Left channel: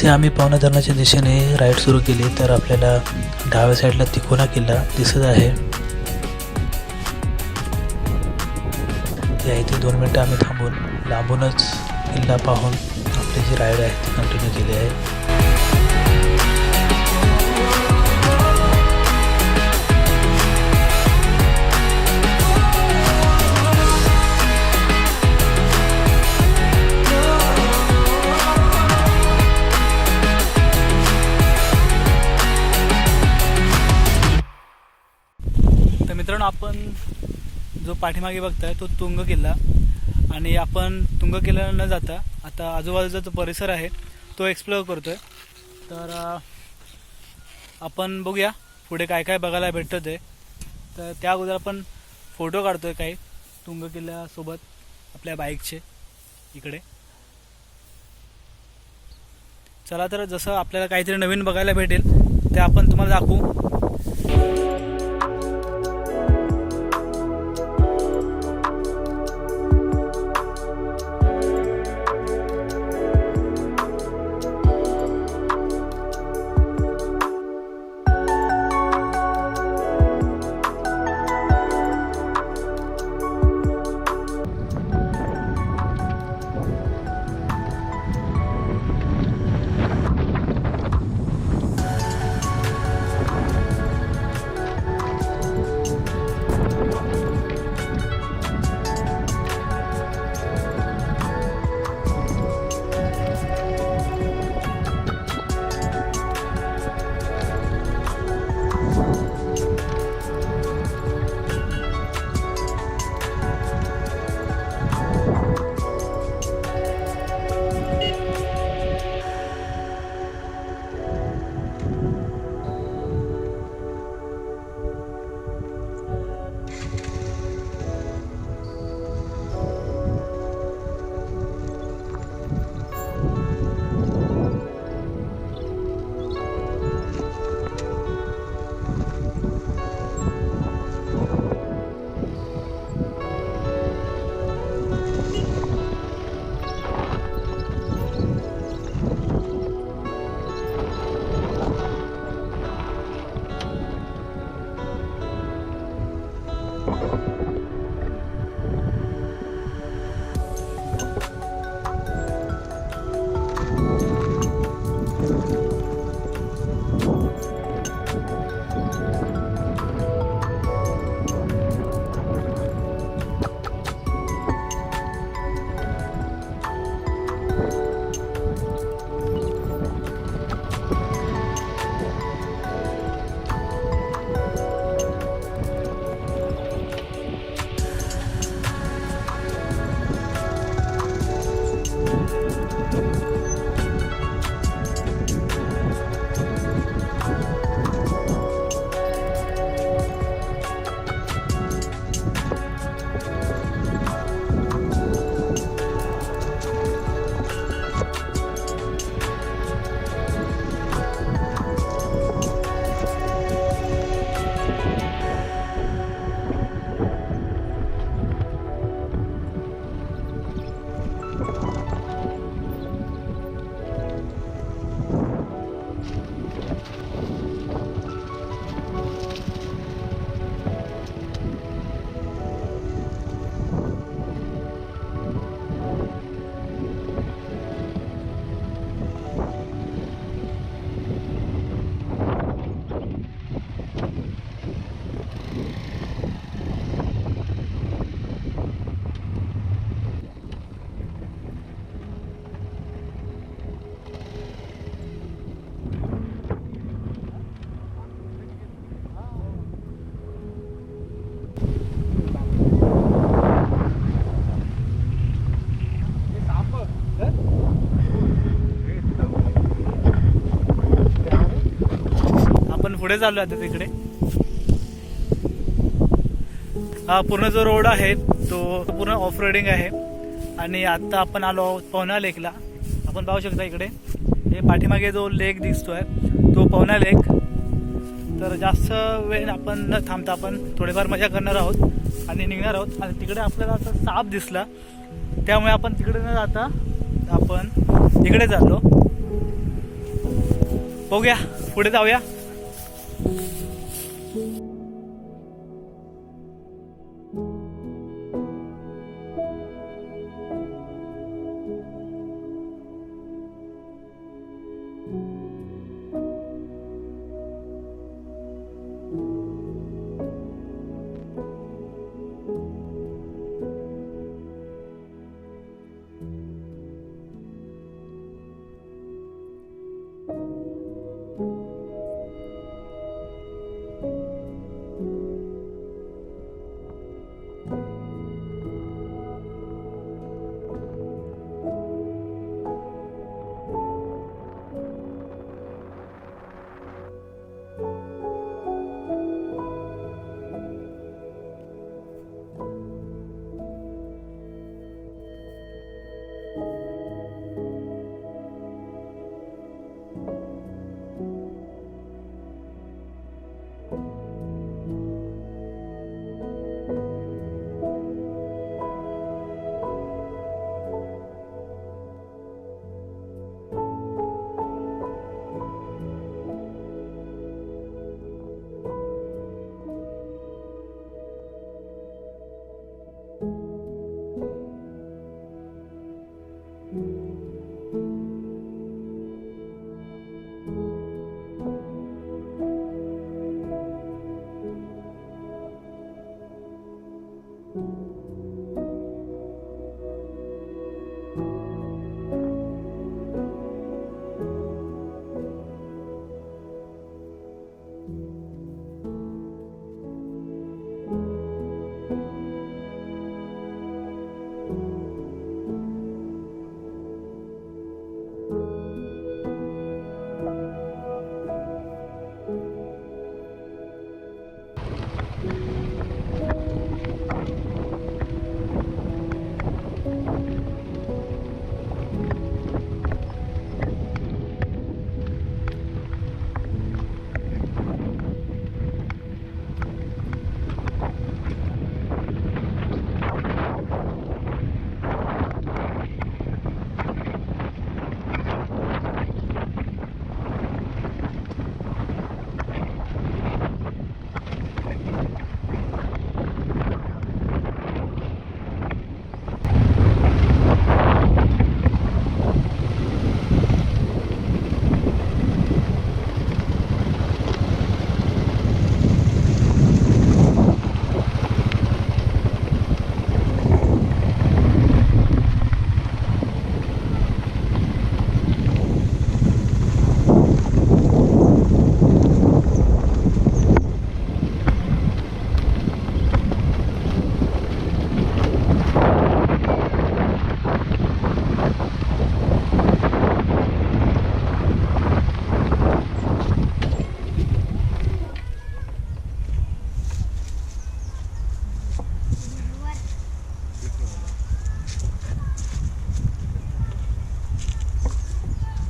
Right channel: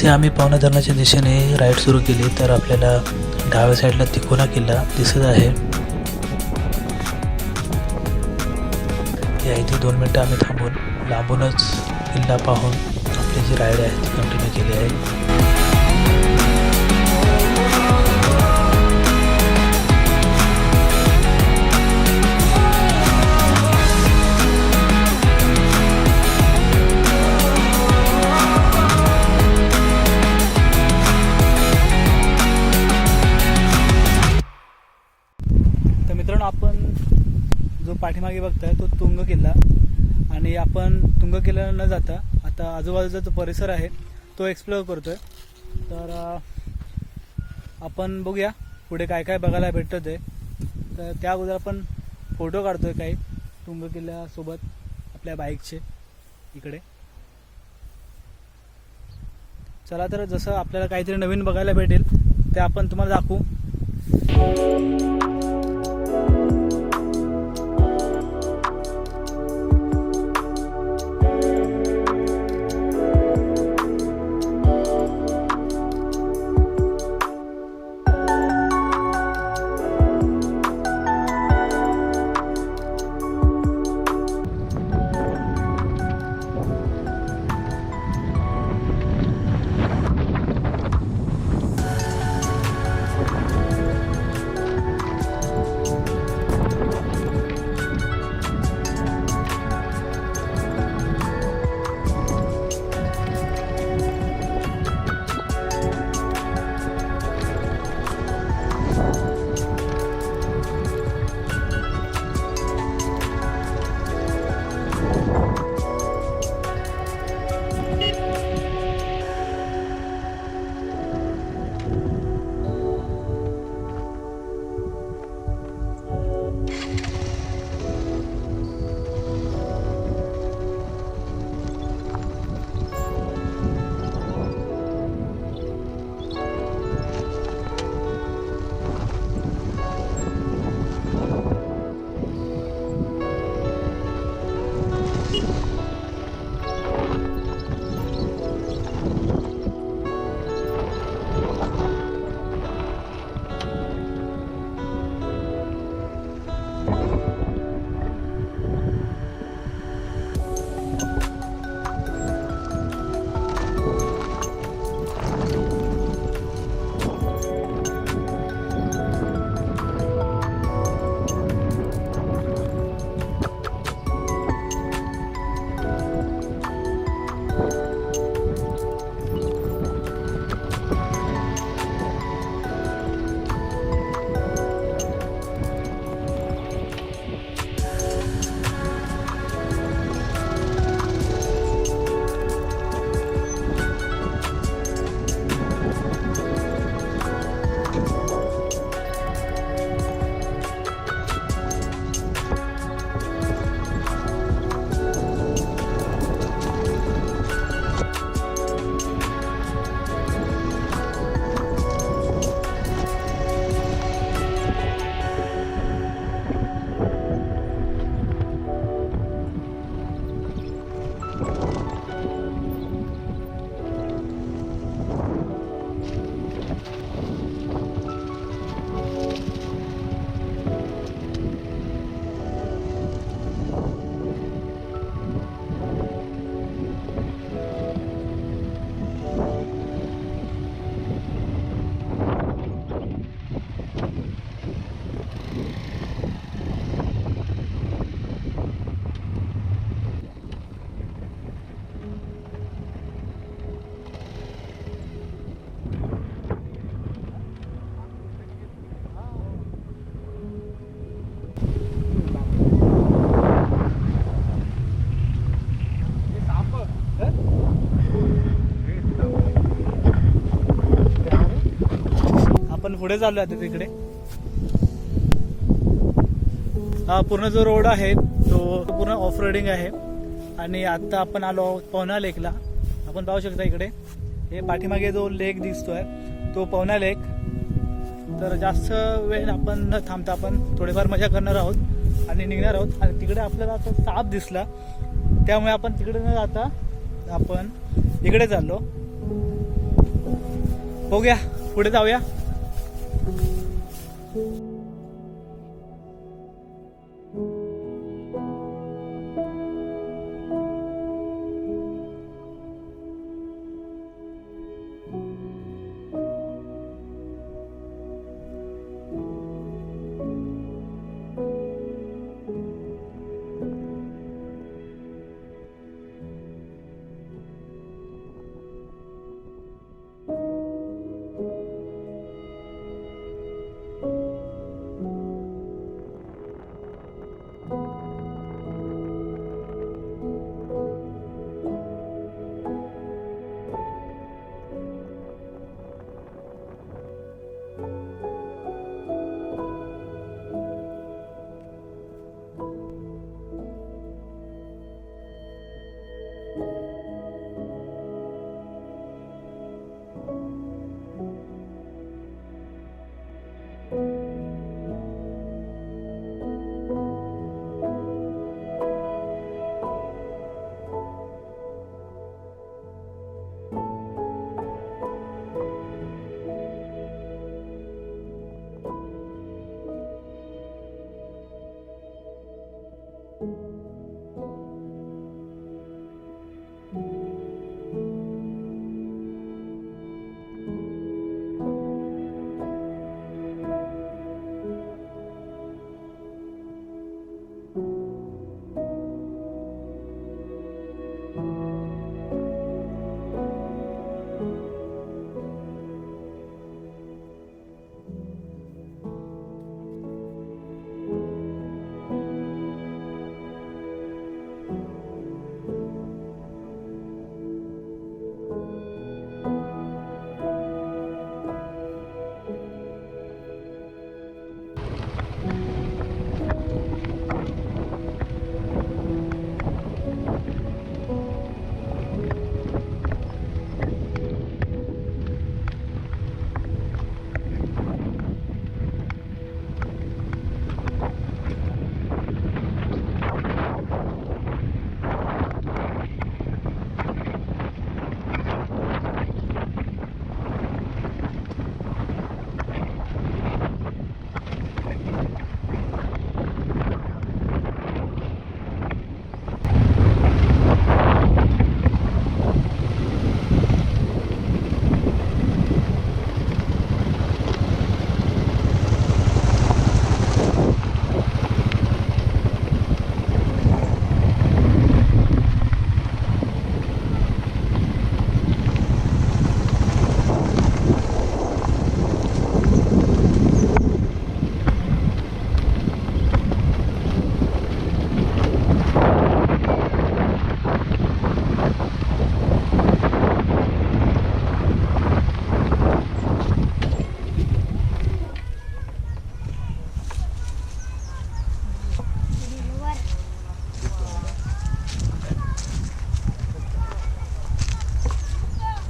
जसे आम्ही पवना धरणाच्या दिशेने राईड सुरू केली तर आपल्याला डाव्या साईडला तिकोना किल्ला दिसत आहे. या इथे 2 मिनटं आम्ही थांबून लांबूनच किल्ला पाहून आपली जी राईड आहे ती कंटिन्यू केली आहे. तर मित्रांनो, आपण जो पाठीमागे बघताय तो तुंग किल्ला, आणि आपण तुंग किल्ल्याला न जाता आता आजूबाजूचा जो परिसर आहे तो एक्सप्लोअर करतोय. तर आपण बघूया पुढे काय काय बघायला भेटतं ते. तर त्या अगोदर आपण फोटो काढतोय काही तुंग किल्ल्यासोबत आपल्या बाईकचे इकडे. चला तर जसं आपल्याला काहीतरी नवीन बघायला भेटेल ते आपण तुम्हाला दाखवू. पुढे चालू आहे तिकडे. हा पूर्ण जो रोड आहे तो पूर्ण ऑफ रोडिंग आहे. आणि आता आपण आलो पवना लेकला. आपण पाहू शकता इकडे हे पाठीमागे जो लेक दिसतोय तो पवना लेक. तर जास्त वेळ आपण न थांबता आपण थोडेफार मजा करणार आहोत आणि निघणार आहोत. आणि तिकडे आपल्याला आता साप दिसला त्यामुळे आपण तिकडे न जाता आपण इकडे चाललो. बघूया पुढे जाऊया.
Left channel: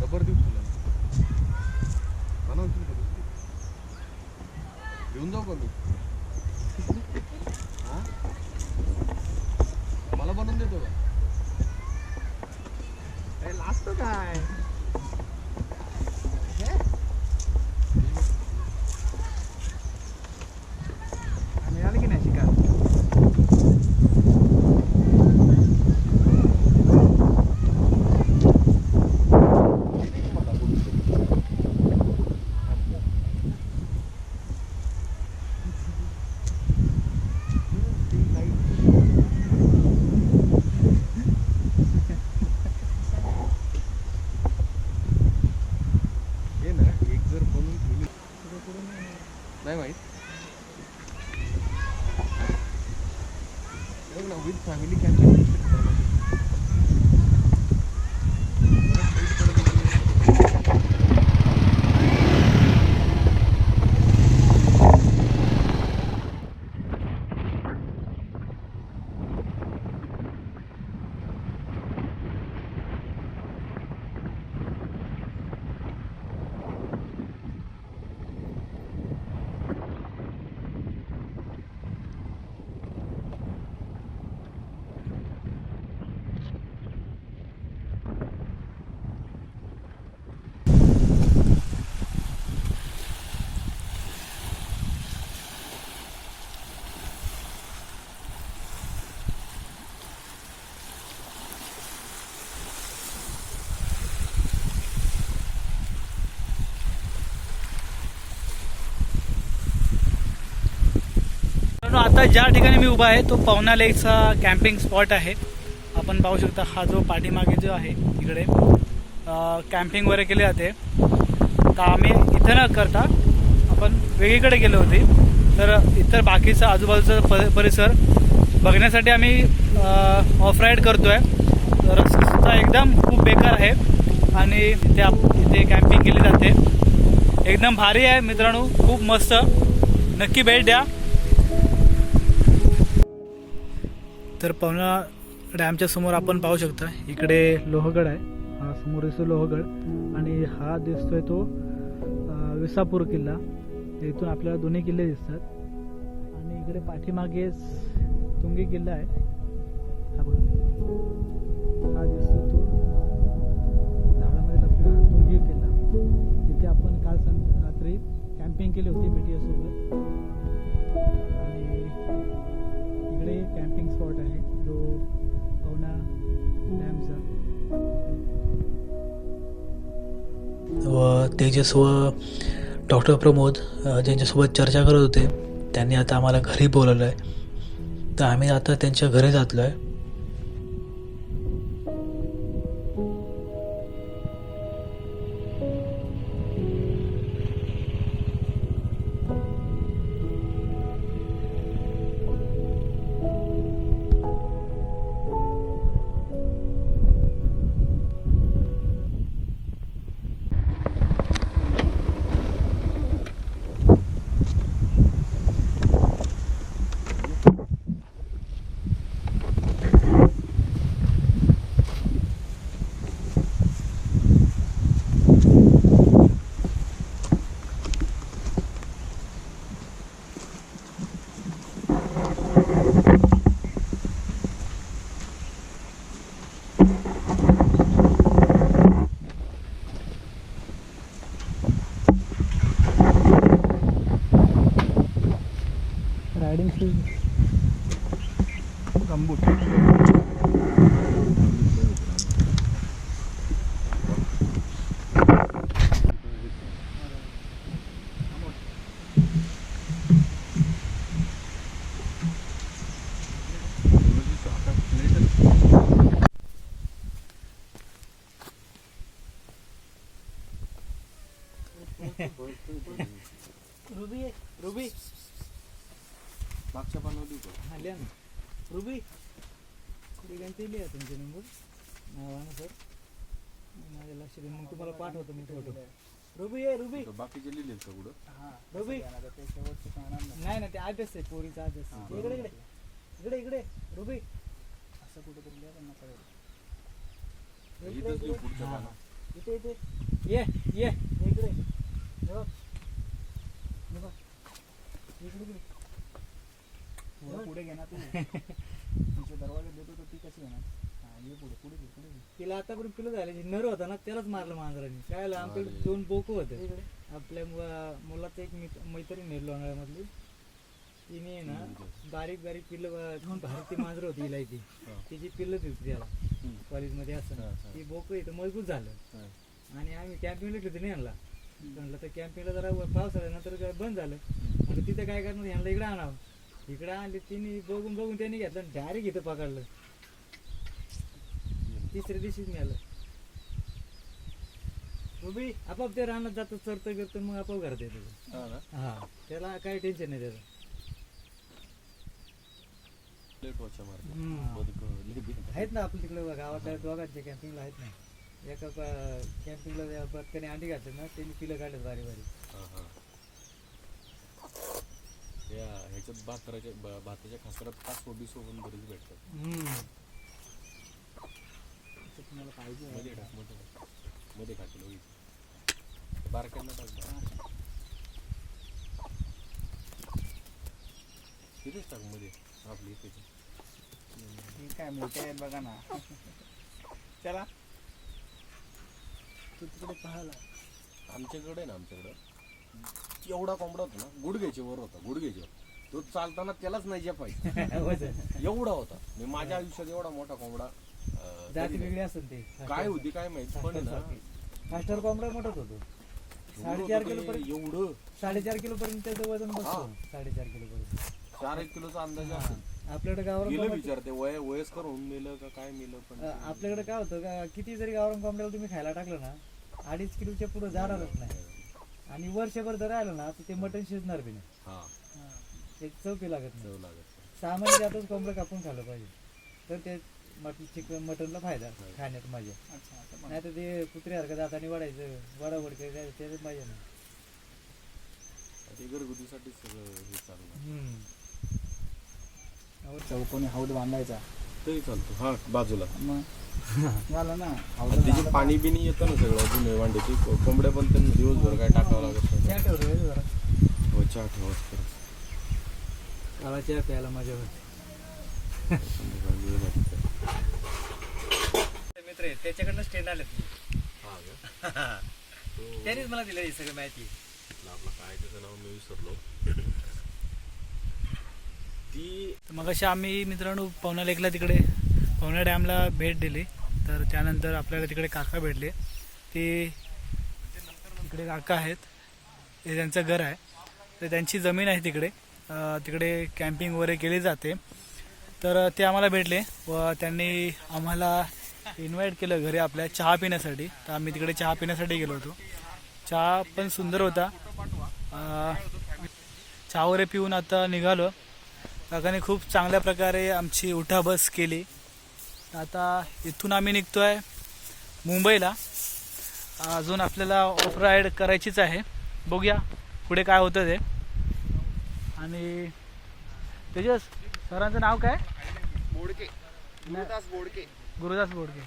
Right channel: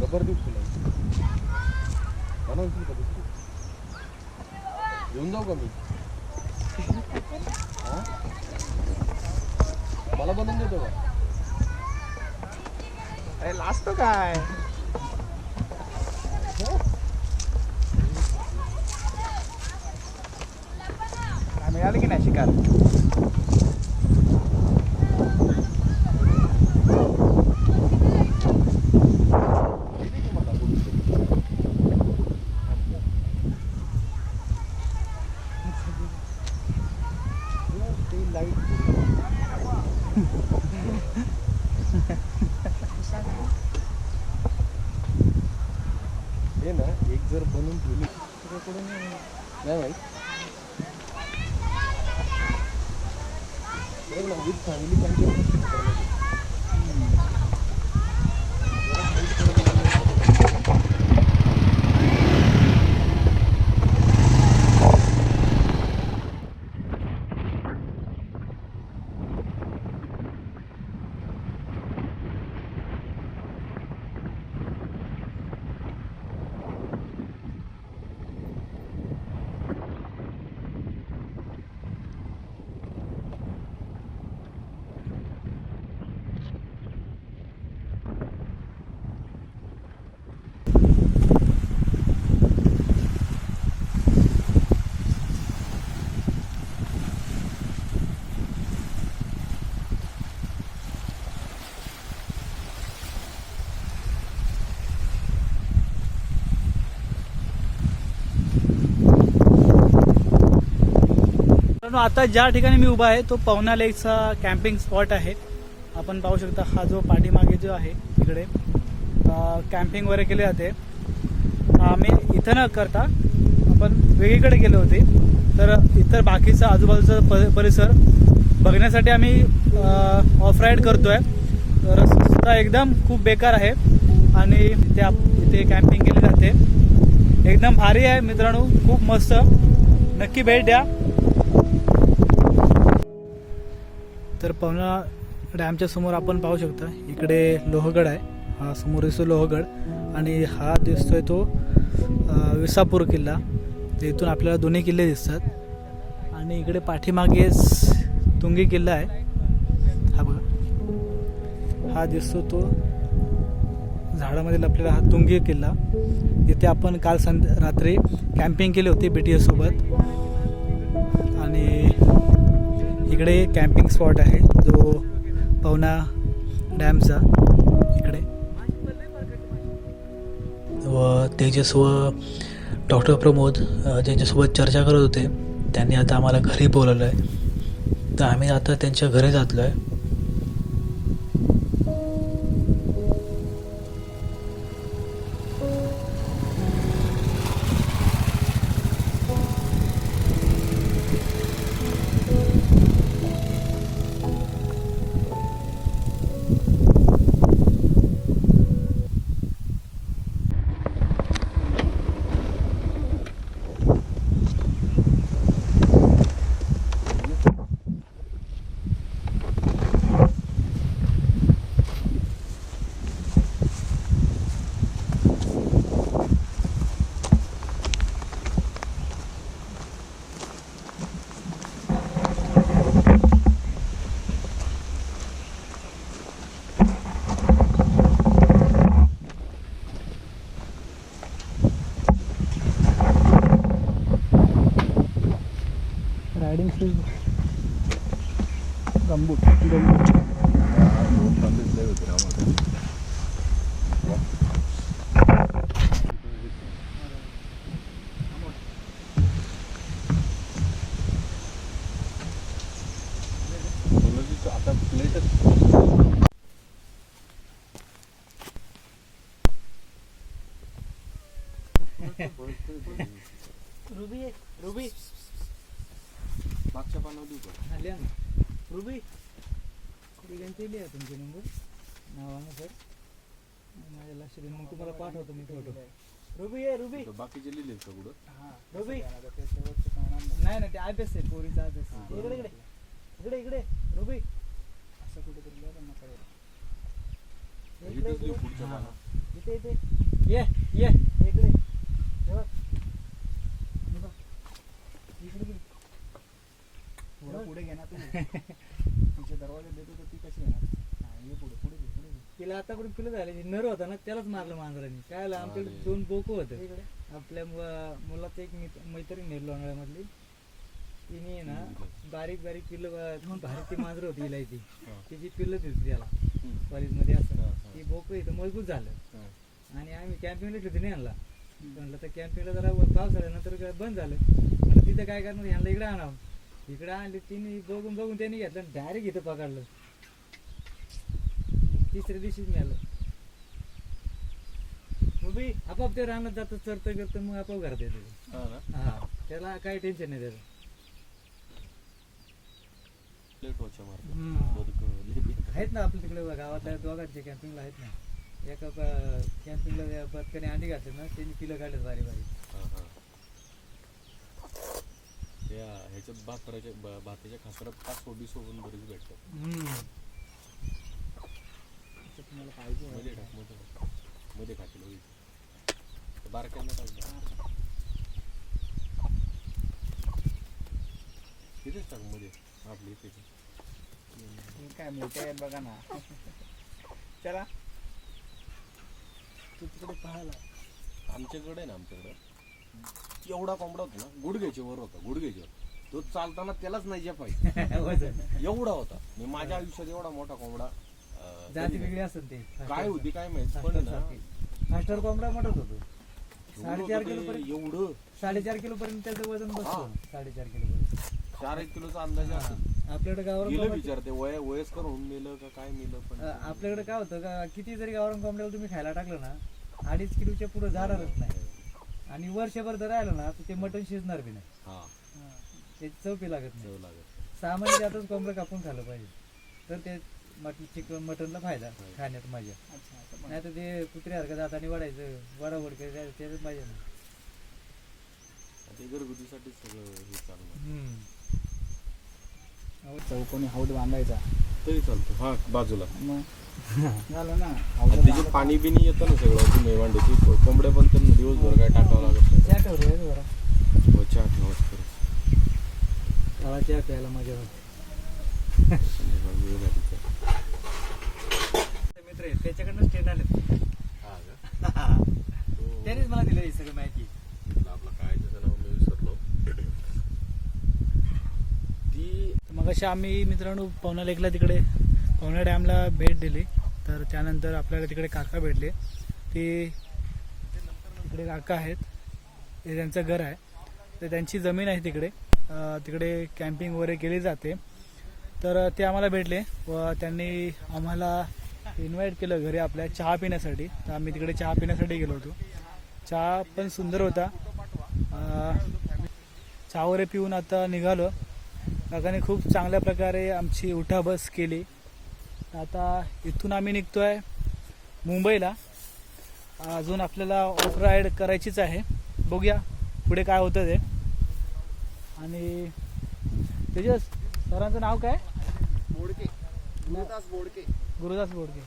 रबर देऊ तुला बनवशील का दुसरी घेऊन जाऊ का मी हा मला बनवून देतो का अरे लाजतो काय काय मिळालं की नाही शिकार हे ना एक जर बनवून ठेवली नाही माहित बघ ना विथ फॅमिली कॅम्पिंग आता ज्या ठिकाणी मी उभा आहे तो पवना लेकचा कॅम्पिंग स्पॉट आहे. आपण पाहू शकता हा जो पाठीमागे जो आहे इकडे कॅम्पिंग वगैरे केले जाते. तर आम्ही इथं न करता आपण वेगळीकडे गेलो होते. तर इतर बाकीचा आजूबाजूचा परिसर बघण्यासाठी आम्ही ऑफ राईड करतो आहे. रस्ता एकदम खूप बेकार आहे आणि इथे कॅम्पिंग केली जाते. एकदम भारी आहे मित्रांनो, खूप मस्त. नक्की भेट द्या. तर पवना डॅमच्या समोर आपण पाहू शकता इकडे लोहगड आहे. हा समोर दिसतो लोहगड आणि हा दिसतोय तो विसापूर किल्ला. इथून आपल्याला दोन्ही किल्ले दिसतात आणि इकडे पाठीमागेच तुंगी किल्ला आहे. हा बघा, हा दिसतो तो झाडामध्ये लपलेला हा तुंगी किल्ला. इथे आपण काल रात्री कॅम्पिंग केली होती BTS सोबत. आणि इकडे कॅम्पिंग स्पॉट आहे जो पवना डॅमचा इकडे. व तेजस व डॉक्टर प्रमोद ज्यांच्यासोबत चर्चा करत होते त्यांनी आता आम्हाला घरी बोलवलं आहे. तर आम्ही आता त्यांच्या घरी जातलो आहे. रायडिंग शूज गंबूट लोन सांगितले होते ना आम्हाला. आता प्लेटच रुबी मागच्या पानावर देऊ का? आल्या ना रुबी त्यांचे लिहा तुमचे नंबर नावाने सर. माझ्या लक्षात येईल, मग तुम्हाला पाठवतो मी फोटो. रुबी आहे रुबी. बाकीचे लिहिलेत का कुठं? रुबी नाही ना, ते आदेश आहे पोरीचा आदेश. इकडे इकडे इकडे इकडे रुबी असं कुठेतरी लिहा त्यांना कळेल. इथंच लिहू पुढच्या पानावर. इथे इथे ये ये इकडे हे बघ. हे बघ. इकडे इकडे पुढे घे ना तू. तिच्या दरवाजा देतो तर ती कशी येणार? ये पुढे पुढे घे पुढे घे. तिला आतापर्यंत पिलं झाले नर होता ना, त्यालाच मारलं मांजरांनी. काय आमच्याकडे 2 बोकं होते इकडे. आपल्या मुलाचं एक मैत्रीण आहे लोणावळ्यामधली. तिने ना बारीक बारीक पिल्लं भारी ती मांजर होती हिला. ती तिची पिल्लं दिसते त्याला कॉलेजमध्ये असं. ती बोकं इथं मजबूत झालं आणि आम्ही कॅम्पिंगला घेतली नाही आणला. म्हणलं तर कॅम्पिंगला जरा पावसाळ्यानंतर बंद झालं. म्हणलं तिथं काय करणार, ह्यांना इकडे आणावं. इकडे आणली तिने, बघून बघून त्यांनी घेतलं डायरेक्ट इथं पकडलं. तिसऱ्या दिवशीच मिळालं. उभी आपाप ते रानात जातं चरतं बिरतं मग आपाप घरात येतो. हा त्याला काही टेन्शन नाही त्याचं. आहेत ना आपल्या तिकडे गावात दोघांचे कॅम्पिंगला आहेत ना. याचा कॅम्पिंगला त्याने अंडी घातले ना, त्यांनी पिलं काढलं बारी बारी. ह्याच्यात भाताच्या खासरात 5-20 पण बरेच भेटतात. तुम्हाला पाहिजे मध्ये खातील बारक्यांना टाक. तिथेच टाक मध्ये आपली तिथे. काय मोठं आहेत बघा ना. चला तू तिकडे पाहायला. आमच्याकडे ना, आमच्याकडं एवढा कोंबडा होता ना, गुडघ्याच्या वर होता. गुडघ्याच्या वर तो चालताना त्यालाच नाही जे पाहिजे एवढा होता. मी माझ्या आयुष्यात एवढा मोठा कोंबडा जाती वेगळी असत ते. काय होती काय माहित, पण ना फास्टर कोंबडा मोठाच होतो. 4.5 किलो एवढं 4.5 किलो पर्यंत त्याचं वजन बसतं. 4.5 किलो पर्यंत 4-1 किलोचा अंदाज असेल. आपल्याकडे गावरान गेलं कोंबड्या- विचारते वयस्कर होऊन नेलं का काय नेलं पण आपल्याकडे काय होतं का किती जरी गावरान कोंबड्याला तुम्ही खायला टाकलं ना 2.5 किलोच्या पुढे जाणारच नाही. आणि वर्षभर जर राहिलं ना तर ते मटण शिजणार बी नाही. हा ते चौकी लागत नाही. ठेवू लागेल. सामान्य जातच कोंबडं कापून खाल्लं पाहिजे तर ते चिकन मटनला फायदा खाण्यात मजा. अच्छा असं पण. नाही तर ते कुत्र्यासारखं जाताना वाढायचं वडावड त्याच्यात पाहिजे ना. ते घरगुतीसाठी सगळं हे चालणार चौकोनी हौद बांधायचा तरी चालतो. हा बाजूला मग झालं ना आणि हौद त्याचे पाणी बिनी येतं ना सगळं जुने वांड्याची कोंबड्या पण त्यांना दिवसभर काय टाकावं लागत नाही. चहा ठेवलं जरा हो, चहा ठेवाच करत. काळा चहा प्यायला मजा होते. संध्याकाळी वेळ लागते. मित्र आहे त्याच्याकडनं स्टेन आले हा का? त्यानेच मला दिलं ही सगळी माहिती. आपलं काय त्याचं नाव मी विसरलो. ती मग अशा आम्ही मित्रांनो पवना लेकला तिकडे पवना डॅमला भेट दिली. तर त्यानंतर आपल्याला तिकडे काका भेटले. ते तिकडे काका आहेत, हे त्यांचं घर आहे. तर त्यांची जमीन आहे तिकडे. तिकडे कॅम्पिंग वगैरे केली जाते. तर ते आम्हाला भेटले व त्यांनी आम्हाला इन्व्हाइट केलं घरी आपल्या चहा पिण्यासाठी. तर आम्ही तिकडे चहा पिण्यासाठी गेलो होतो. चहा पण सुंदर होता. चहा वगैरे पिऊन आता निघालो. काकाने खूप चांगल्या प्रकारे आमची उठाबस केली. आता इथून आम्ही निघतो आहे मुंबईला. अजून आपल्याला ऑफ राईड करायचीच आहे. बघूया पुढे काय होतं ते. आणि तेजस सरांचं नाव काय? बोडके गुरुदास बोडके. गुरुदास बोडके.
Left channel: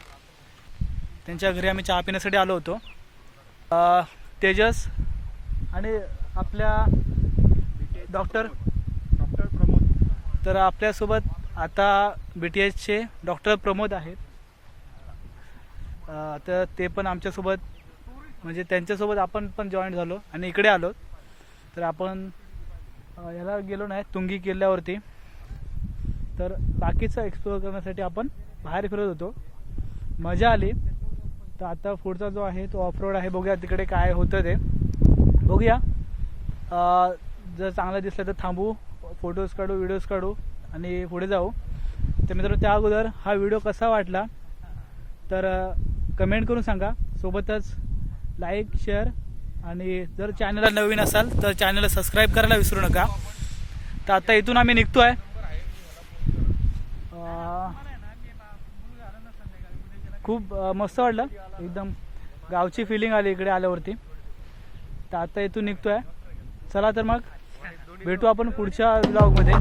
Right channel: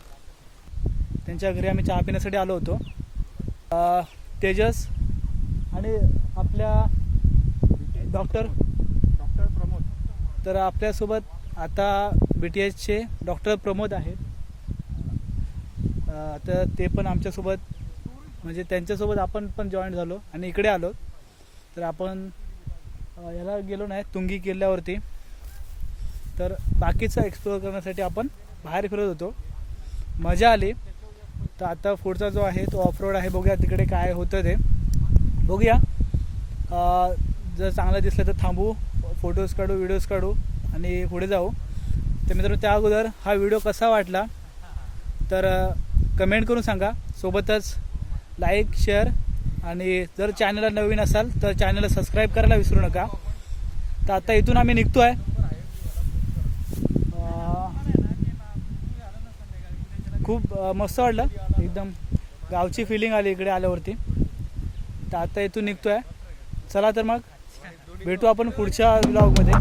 त्यांच्या घरी आम्ही चहा पिण्यासाठी आलो होतो. तेजस आणि आपल्या डॉक्टर प्रमोद. तर आपल्यासोबत आता BTSचे डॉक्टर प्रमोद आहेत. तर ते पण आमच्यासोबत म्हणजे त्यांच्यासोबत आपण पण जॉईन झालो आणि इकडे आलो. तर आपण याला गेलो नाही तुंगी किल्ल्यावरती. तर बाकीचं एक्सप्लोअर करण्यासाठी आपण बाहेर फिरत होतो. मजा आली. तर आता पुढचा जो आहे तो ऑफ रोड आहे. बघूया तिकडे काय होतं ते बघूया. जर चांगलं दिसलं तर थांबू, फोटोज काढू, व्हिडिओज काढू आणि पुढे जाऊ. तर मित्रांनो त्या अगोदर हा व्हिडिओ कसा वाटला तर कमेंट करून सांगा. सोबतच लाईक, शेअर आणि जर चॅनलला नवीन असाल तर चॅनलला सबस्क्राईब करायला विसरू नका. तर आता इथून आम्ही निघतो आहे. खूप मस्त वाटलं, एकदम गावची फिलिंग आली इकडे आल्यावरती. तर आता इथून निघतो आहे. चला तर मग भेटू आपण पुढच्या व्लॉगमध्ये.